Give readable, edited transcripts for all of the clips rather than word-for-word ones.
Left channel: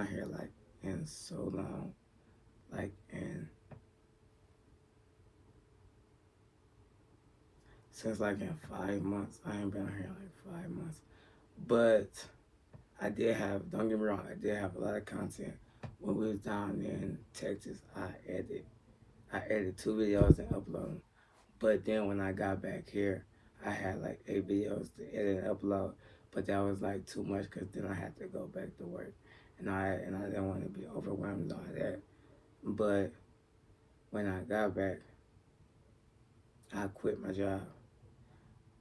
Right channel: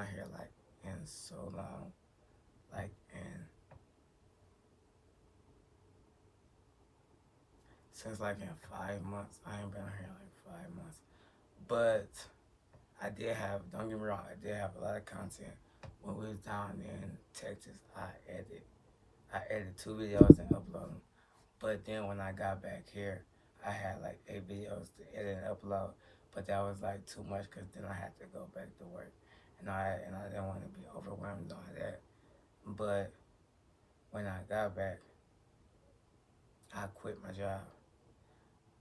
out here like in so long. Like in since like in 5 months. I ain't been out here like 5 months. But I did have, don't get me wrong, I did have a lot of content. When we was down in Texas, I edited 2 videos and uploaded them. But then when I got back here, I had like 8 videos to edit and upload. But that was like too much because then I had to go back to work. And I didn't want to be overwhelmed on that. But when I got back, I quit my job.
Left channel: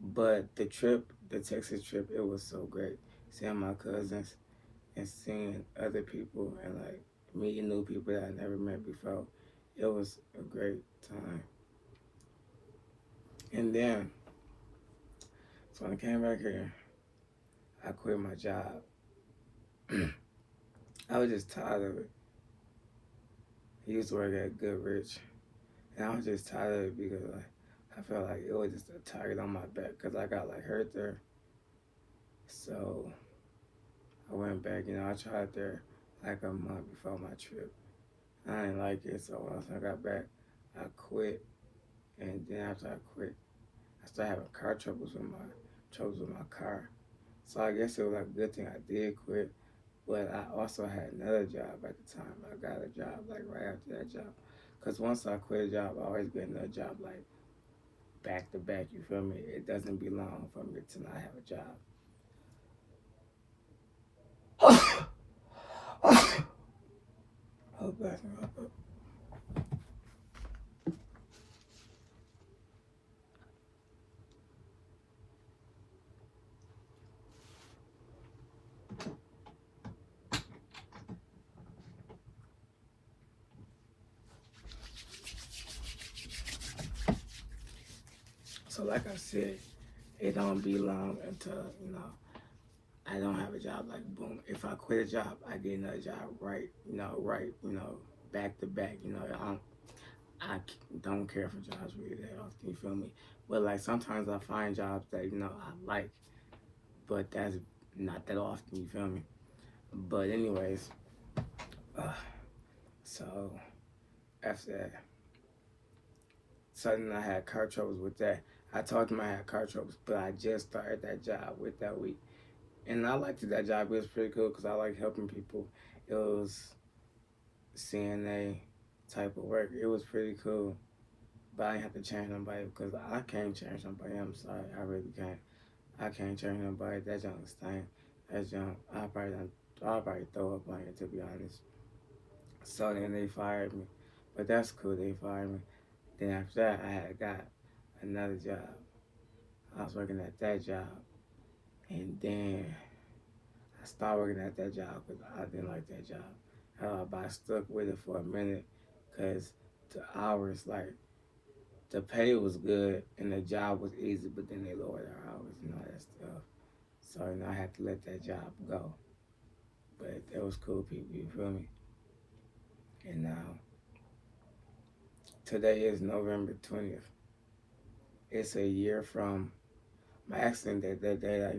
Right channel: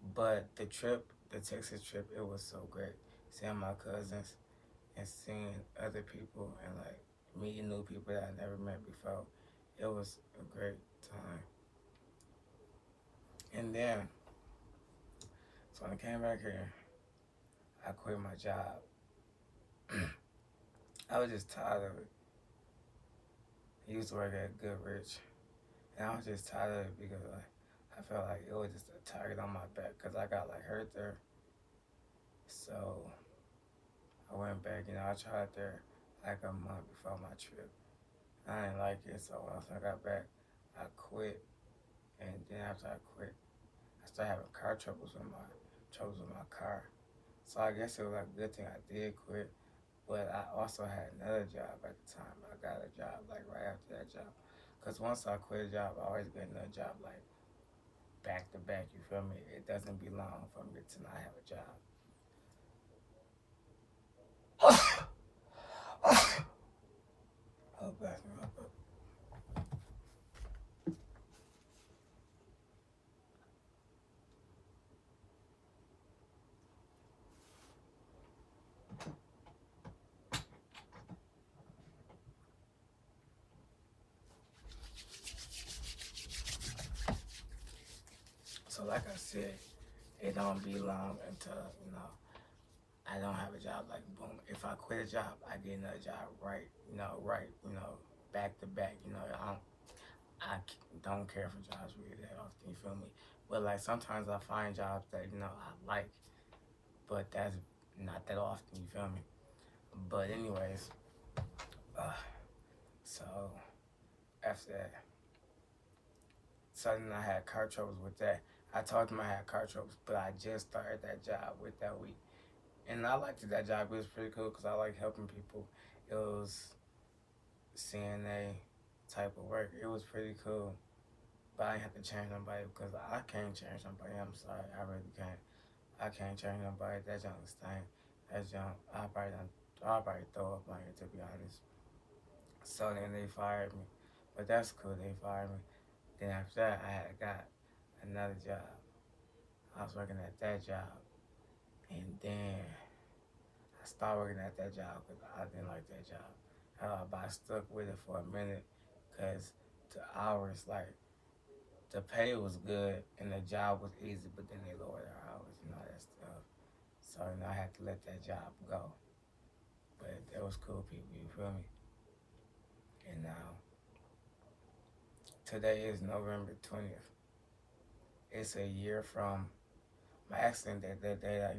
But the trip, the Texas trip, it was so great. Seeing my cousins and seeing other people and like meeting new people that I never met before. It was a great time. And then, so when I came back here, I quit my job. I was just tired of it. I used to work at Goodrich, and I was just tired of it because like I felt like it was just a target on my back because I got like hurt there. So I went back. I tried there like a month before my trip. I didn't like it, so once I got back, I quit. And then after I quit, I started having car troubles with my car. So I guess it was like a good thing I did quit. But I also had another job at the time. I got a job like right after that job. Cause once I quit a job, I always get another job like back to back. You feel me? It doesn't be long for me to not have a job. Oh, bless me. So like I said, it don't be long until I don't have a job. Like boom, if I quit a job, I get another job right, back to back. I don't care for jobs really that often. You feel me? But like sometimes I find jobs that I like, but that's not that often. You feel me? But anyways, uh, so after that, suddenly I had car troubles with that. I told him I had car troubles, but I just started that job with that week. And I liked that job. It was pretty cool because I like helping people. It was CNA type of work. It was pretty cool. But I didn't have to change nobody because I can't change nobody. I'm sorry. I really can't. I can't change nobody. That junk stink. That junk, I'll probably throw up on it, to be honest. So then they fired me. But that's cool. They fired me. Then after that, I had got another job. I was working at that job. And then I stopped working at that job because I didn't like that job. But I stuck with it for a minute because the hours, like, the pay was good and the job was easy, but then they lowered our hours and all that stuff. So, I had to let that job go. But that was cool people, you feel me? And now, today is November 20th. It's a year from my accident that day that,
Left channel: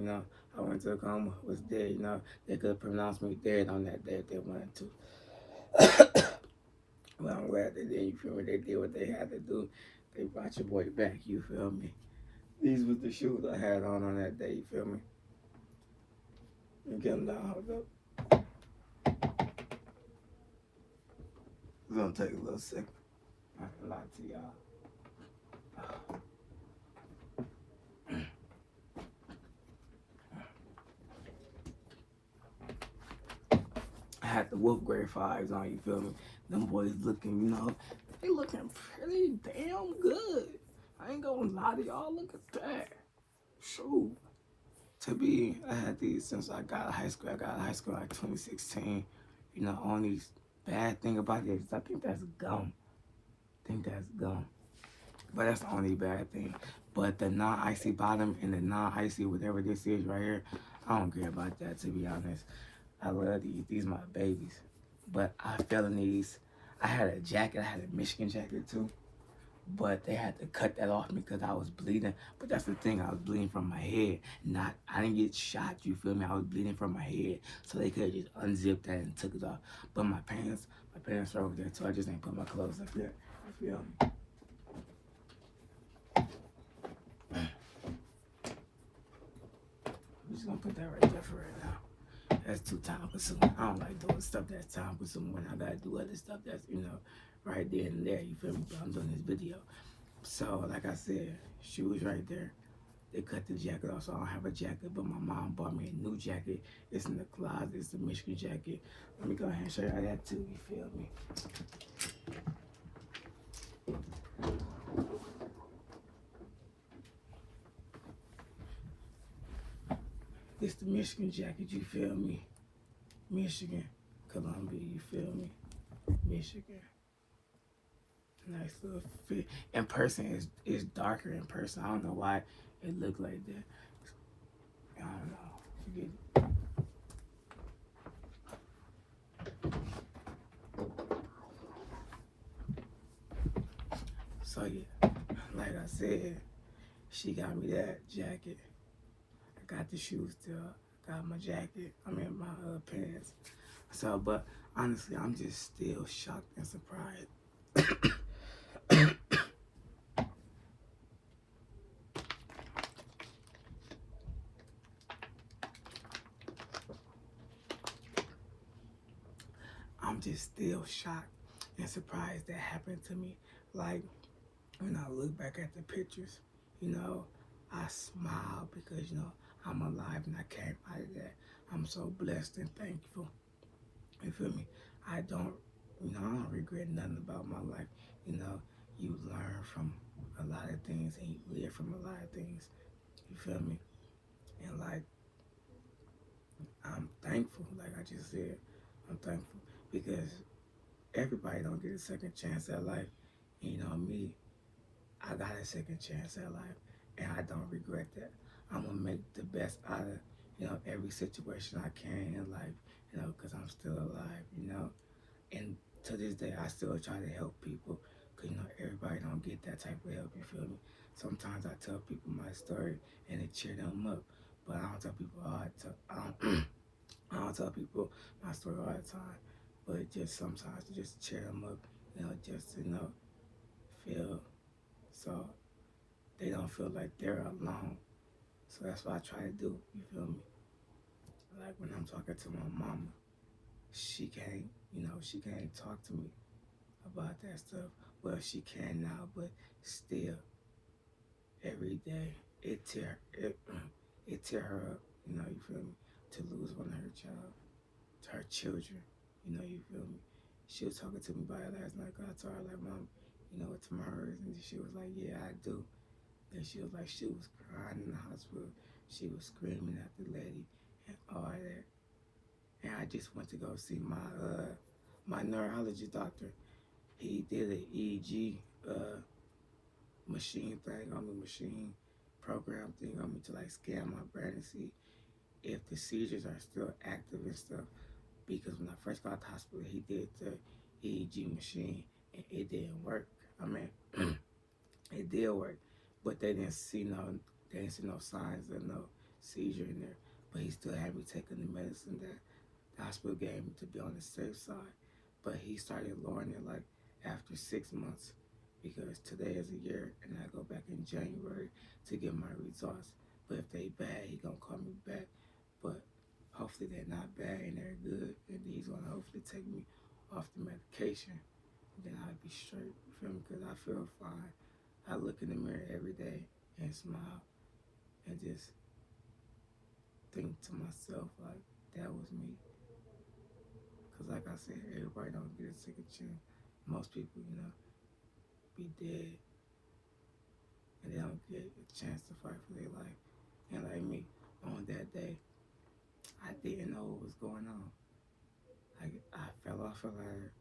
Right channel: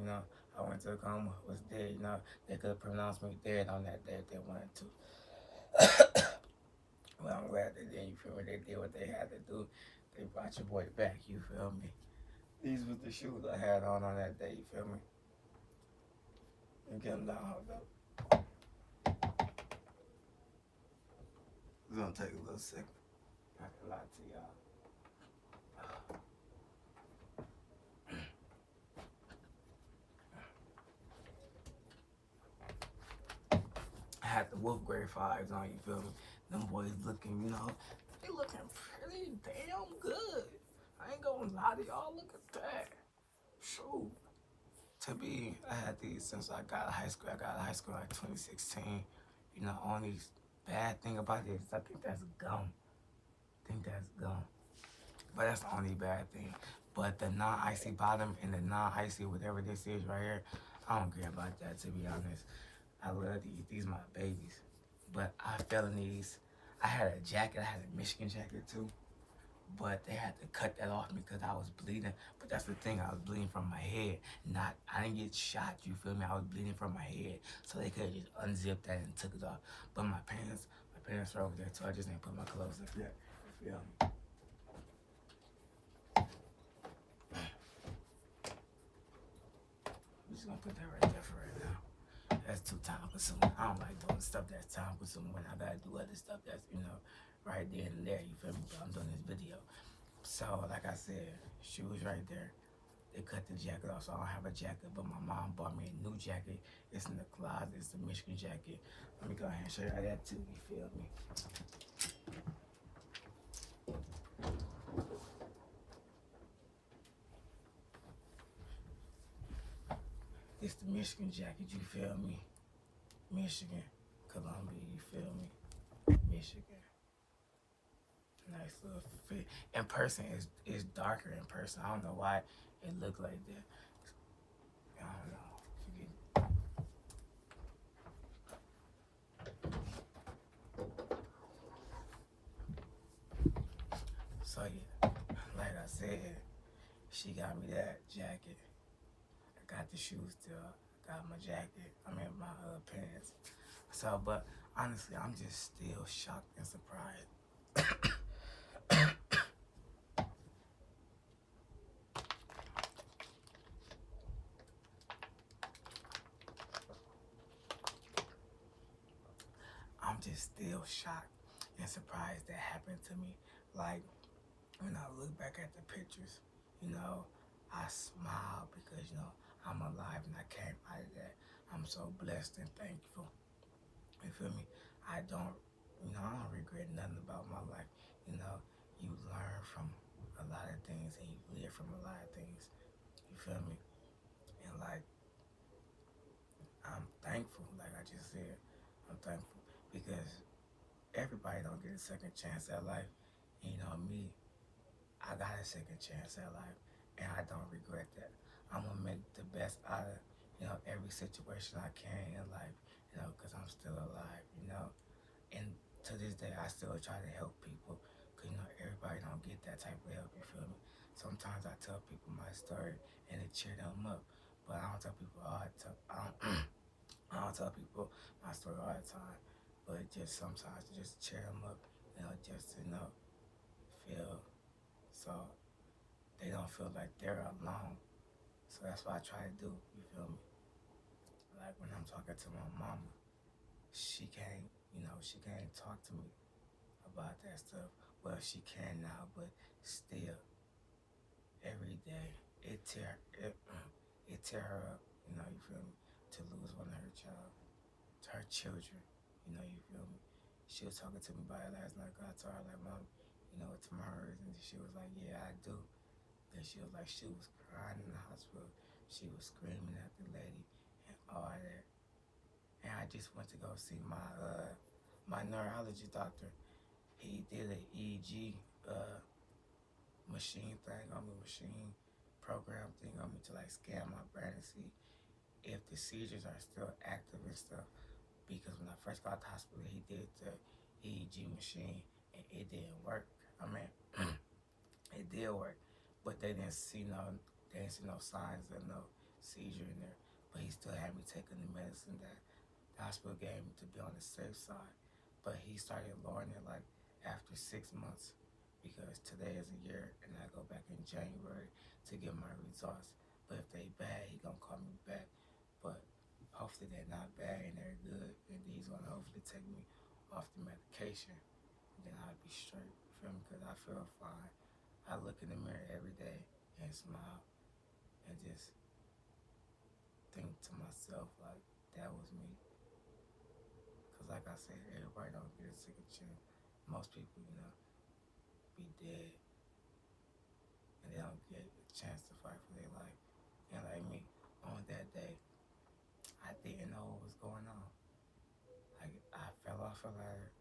I went to a coma, was dead, they could have pronounced me dead on that day if they wanted to. Well, I'm glad they did, you feel me? They did what they had to do. They brought your boy back, you feel me? These was the shoes I had on that day, you feel me? You get them down, hold up. It's gonna take a little second. I can lie to y'all. I had the Wolf Grade 5s on, you feel me? Them boys looking, they looking pretty damn good. I ain't gonna lie to y'all, look at that. Shoot. I had these since I got out of high school. I got out of high school like 2016. Only bad thing about it is I think that's gum. But that's the only bad thing. But the non-icy bottom and the non-icy whatever this is right here, I don't care about that, to be honest. I love these. These are my babies. But I fell in these. I had a jacket. I had a Michigan jacket too. but they had to cut that off me because I was bleeding. But that's the thing, I was bleeding from my head. Not, I didn't get shot, you feel me? I was bleeding from my head. So they could have just unzipped that and took it off. But my parents are over there, so I just ain't put my clothes like that. You feel me? I'm just gonna put that right there for right now. That's too time consuming. I don't like doing stuff that's time consuming when I gotta do other stuff that's, right there and there. You feel me? But I'm doing this video. So, like I said, shoes right there. They cut the jacket off, so I don't have a jacket. But my mom bought me a new jacket. It's in the closet. It's the Michigan jacket. Let me go ahead and show you that too. You feel me? It's the Michigan jacket. You feel me? Michigan, Columbia. You feel me? Michigan. Nice little fit. In person, it's darker in person. I don't know why it looked like that. I don't know. Forget it. So yeah, like I said, she got me that jacket. I got the shoes still. I got my jacket. I mean my pants. So, but honestly, I'm just still shocked and surprised. I'm just still shocked and surprised that happened to me. Like, when I look back at the pictures, I smile because, I'm alive and I came out of that. I'm so blessed and thankful. You feel me? I don't, I don't regret nothing about my life. You learn from a lot of things and you live from a lot of things. You feel me? And like, I'm thankful, like I just said, I'm thankful because everybody don't get a second chance at life. And me, I got a second chance at life and I don't regret that. I'm gonna make the best out of, every situation I can in life, because I'm still alive. And to this day, I still try to help people because, everybody don't get that type of help, you feel me? Sometimes I tell people my story and it cheer them up, but I don't tell people all the time. I don't tell people my story all the time, but just sometimes to just cheer them up, just to, feel so they don't feel like they're alone. So that's what I try to do, you feel me? Like when I'm talking to my mama, she can't talk to me about that stuff. Well, she can now, but still, every day it tear her up. You feel me? To lose one of her child, to her children. You feel me? She was talking to me about it last night. 'Cause I told her like, Mom, what tomorrow is, and she was like, Yeah, I do. And she was like, she was crying in the hospital. She was screaming at the lady and all that. And I just went to go see my neurology doctor. He did an EEG machine thing on me, machine program thing on me to like scan my brain and see if the seizures are still active and stuff. Because when I first got to the hospital, he did the EEG machine and it didn't work. I mean, it did work, but they didn't see no signs of no seizure in there. But he still had me taking the medicine that the hospital gave me to be on the safe side. But he started lowering it like after 6 months because today is a year and I go back in January to get my results. But if they bad, he gonna call me back. But hopefully they're not bad and they're good, and he's gonna hopefully take me off the medication. And then I'll be straight. You feel me? Because I feel fine. I look in the mirror every day and smile and just think to myself like that was me. Cause like I said, everybody don't get a second chance. Most people, be dead and they don't get a chance to fight for their life. And like me, on that day, I didn't know what was going on. I fell off a ladder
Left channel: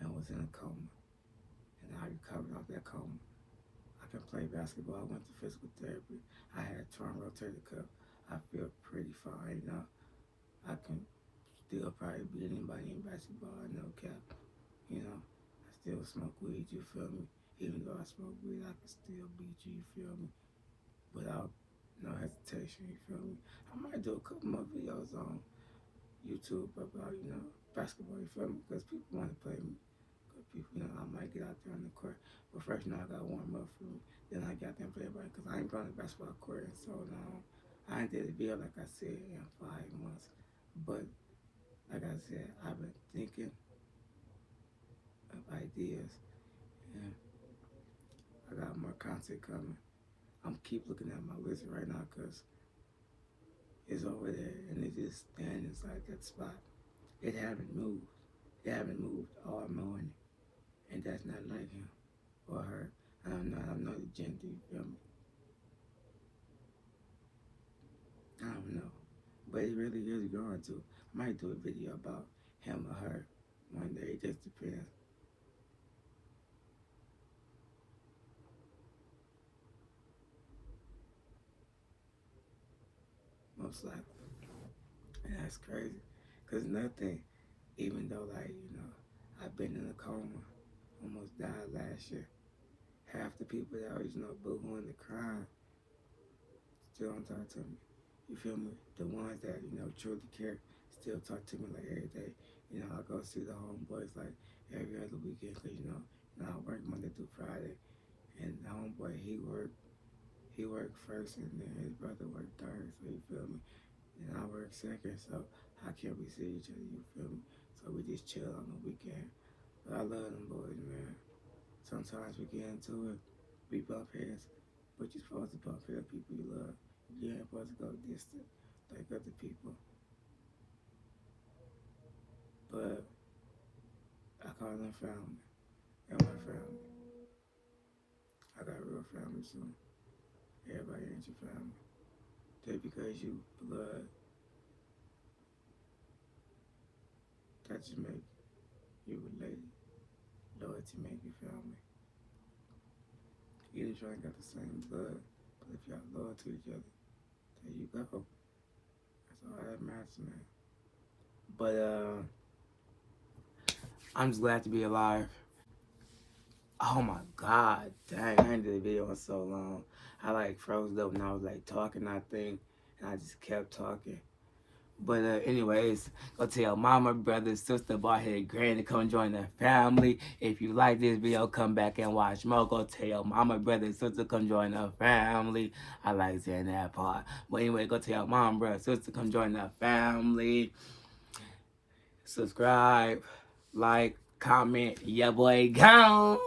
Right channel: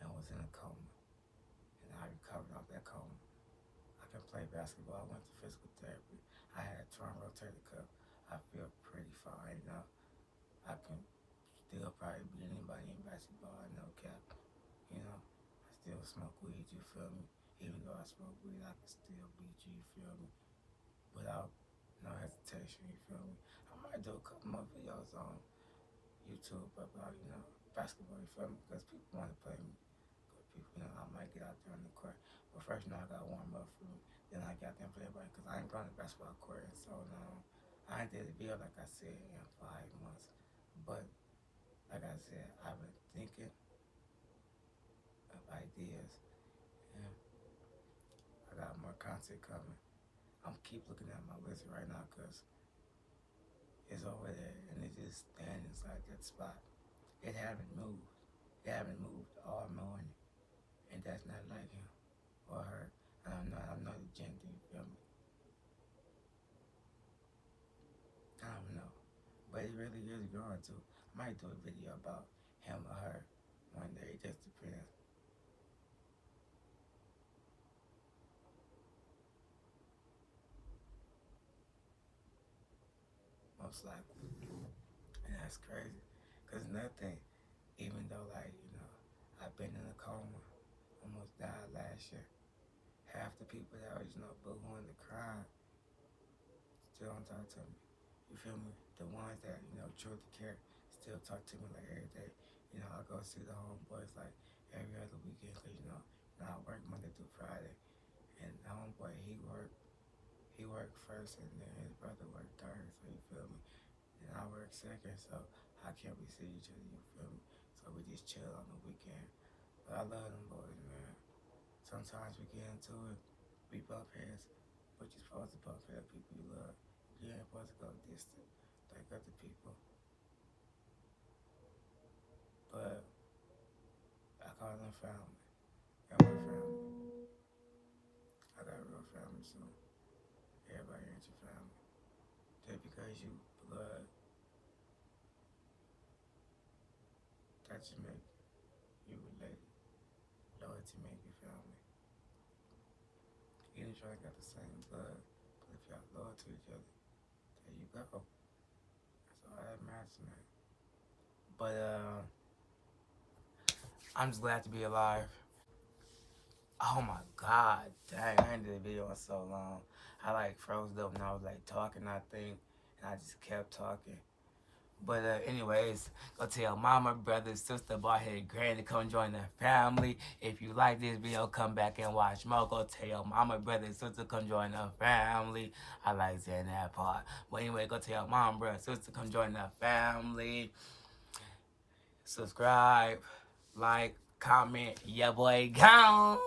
and was in a coma. And I recovered off that coma. I can play basketball. I went to physical therapy. I had a torn rotator cuff. I feel pretty fine. I can still probably beat anybody in basketball. No cap. I still smoke weed. You feel me? Even though I smoke weed, I can still beat you, you feel me? Without no hesitation, you feel me? I might do a couple more videos on YouTube about, basketball, you feel me? Because people want to play me. Because people, I might get out there on the court. But first, I got to warm up for me. Then I got there and play ball because I ain't going to basketball court in so long. I ain't did a video, like I said, in 5 months. But, like I said, I've been thinking of ideas. And I got more content coming. I'm keep looking at my list right now because it's over there and it just standing inside that spot. It haven't moved. It haven't moved all morning. And that's not like him or her. I'm not the gender, you feel me? I don't know. But it really is going to. I might do a video about him or her one day. It just depends. Most likely. And that's crazy. Because nothing, even though, like, I've been in a coma, almost died last year. Half the people that was, boohooing and crying still don't talk to me. You feel me? The ones that, truly care still talk to me like every day. I go see the homeboys like every other weekend because, I work Monday through Friday. And the homeboy, he worked first and then his brother worked third, so you feel me? And I work second, so how can we see each other, you feel me? So we just chill on the weekend. But I love them boys, man. Sometimes we get into it, we bump heads, but you're supposed to bump heads with people you love. You ain't supposed to go distant like other people. But I call them family. And my family. I got a real family soon. Everybody ain't your family. Just because you blood, that just make you related. Loyalty make you family. Either y'all got the same blood, but if y'all loyal to each other, there you go. That's all that matters, man. But I'm just glad to be alive. Oh my God, dang, I ain't did a video in so long. I like froze up and I was like talking, I think, and I just kept talking. But anyways, go tell mama, brother, sister, bald-headed granny, come join the family. If you like this video, come back and watch more. Go tell mama, brother, sister, come join the family. I like saying that part. But anyway, go tell mom, brother, sister, come join the family. Subscribe, like, comment. Yeah, boy, gone.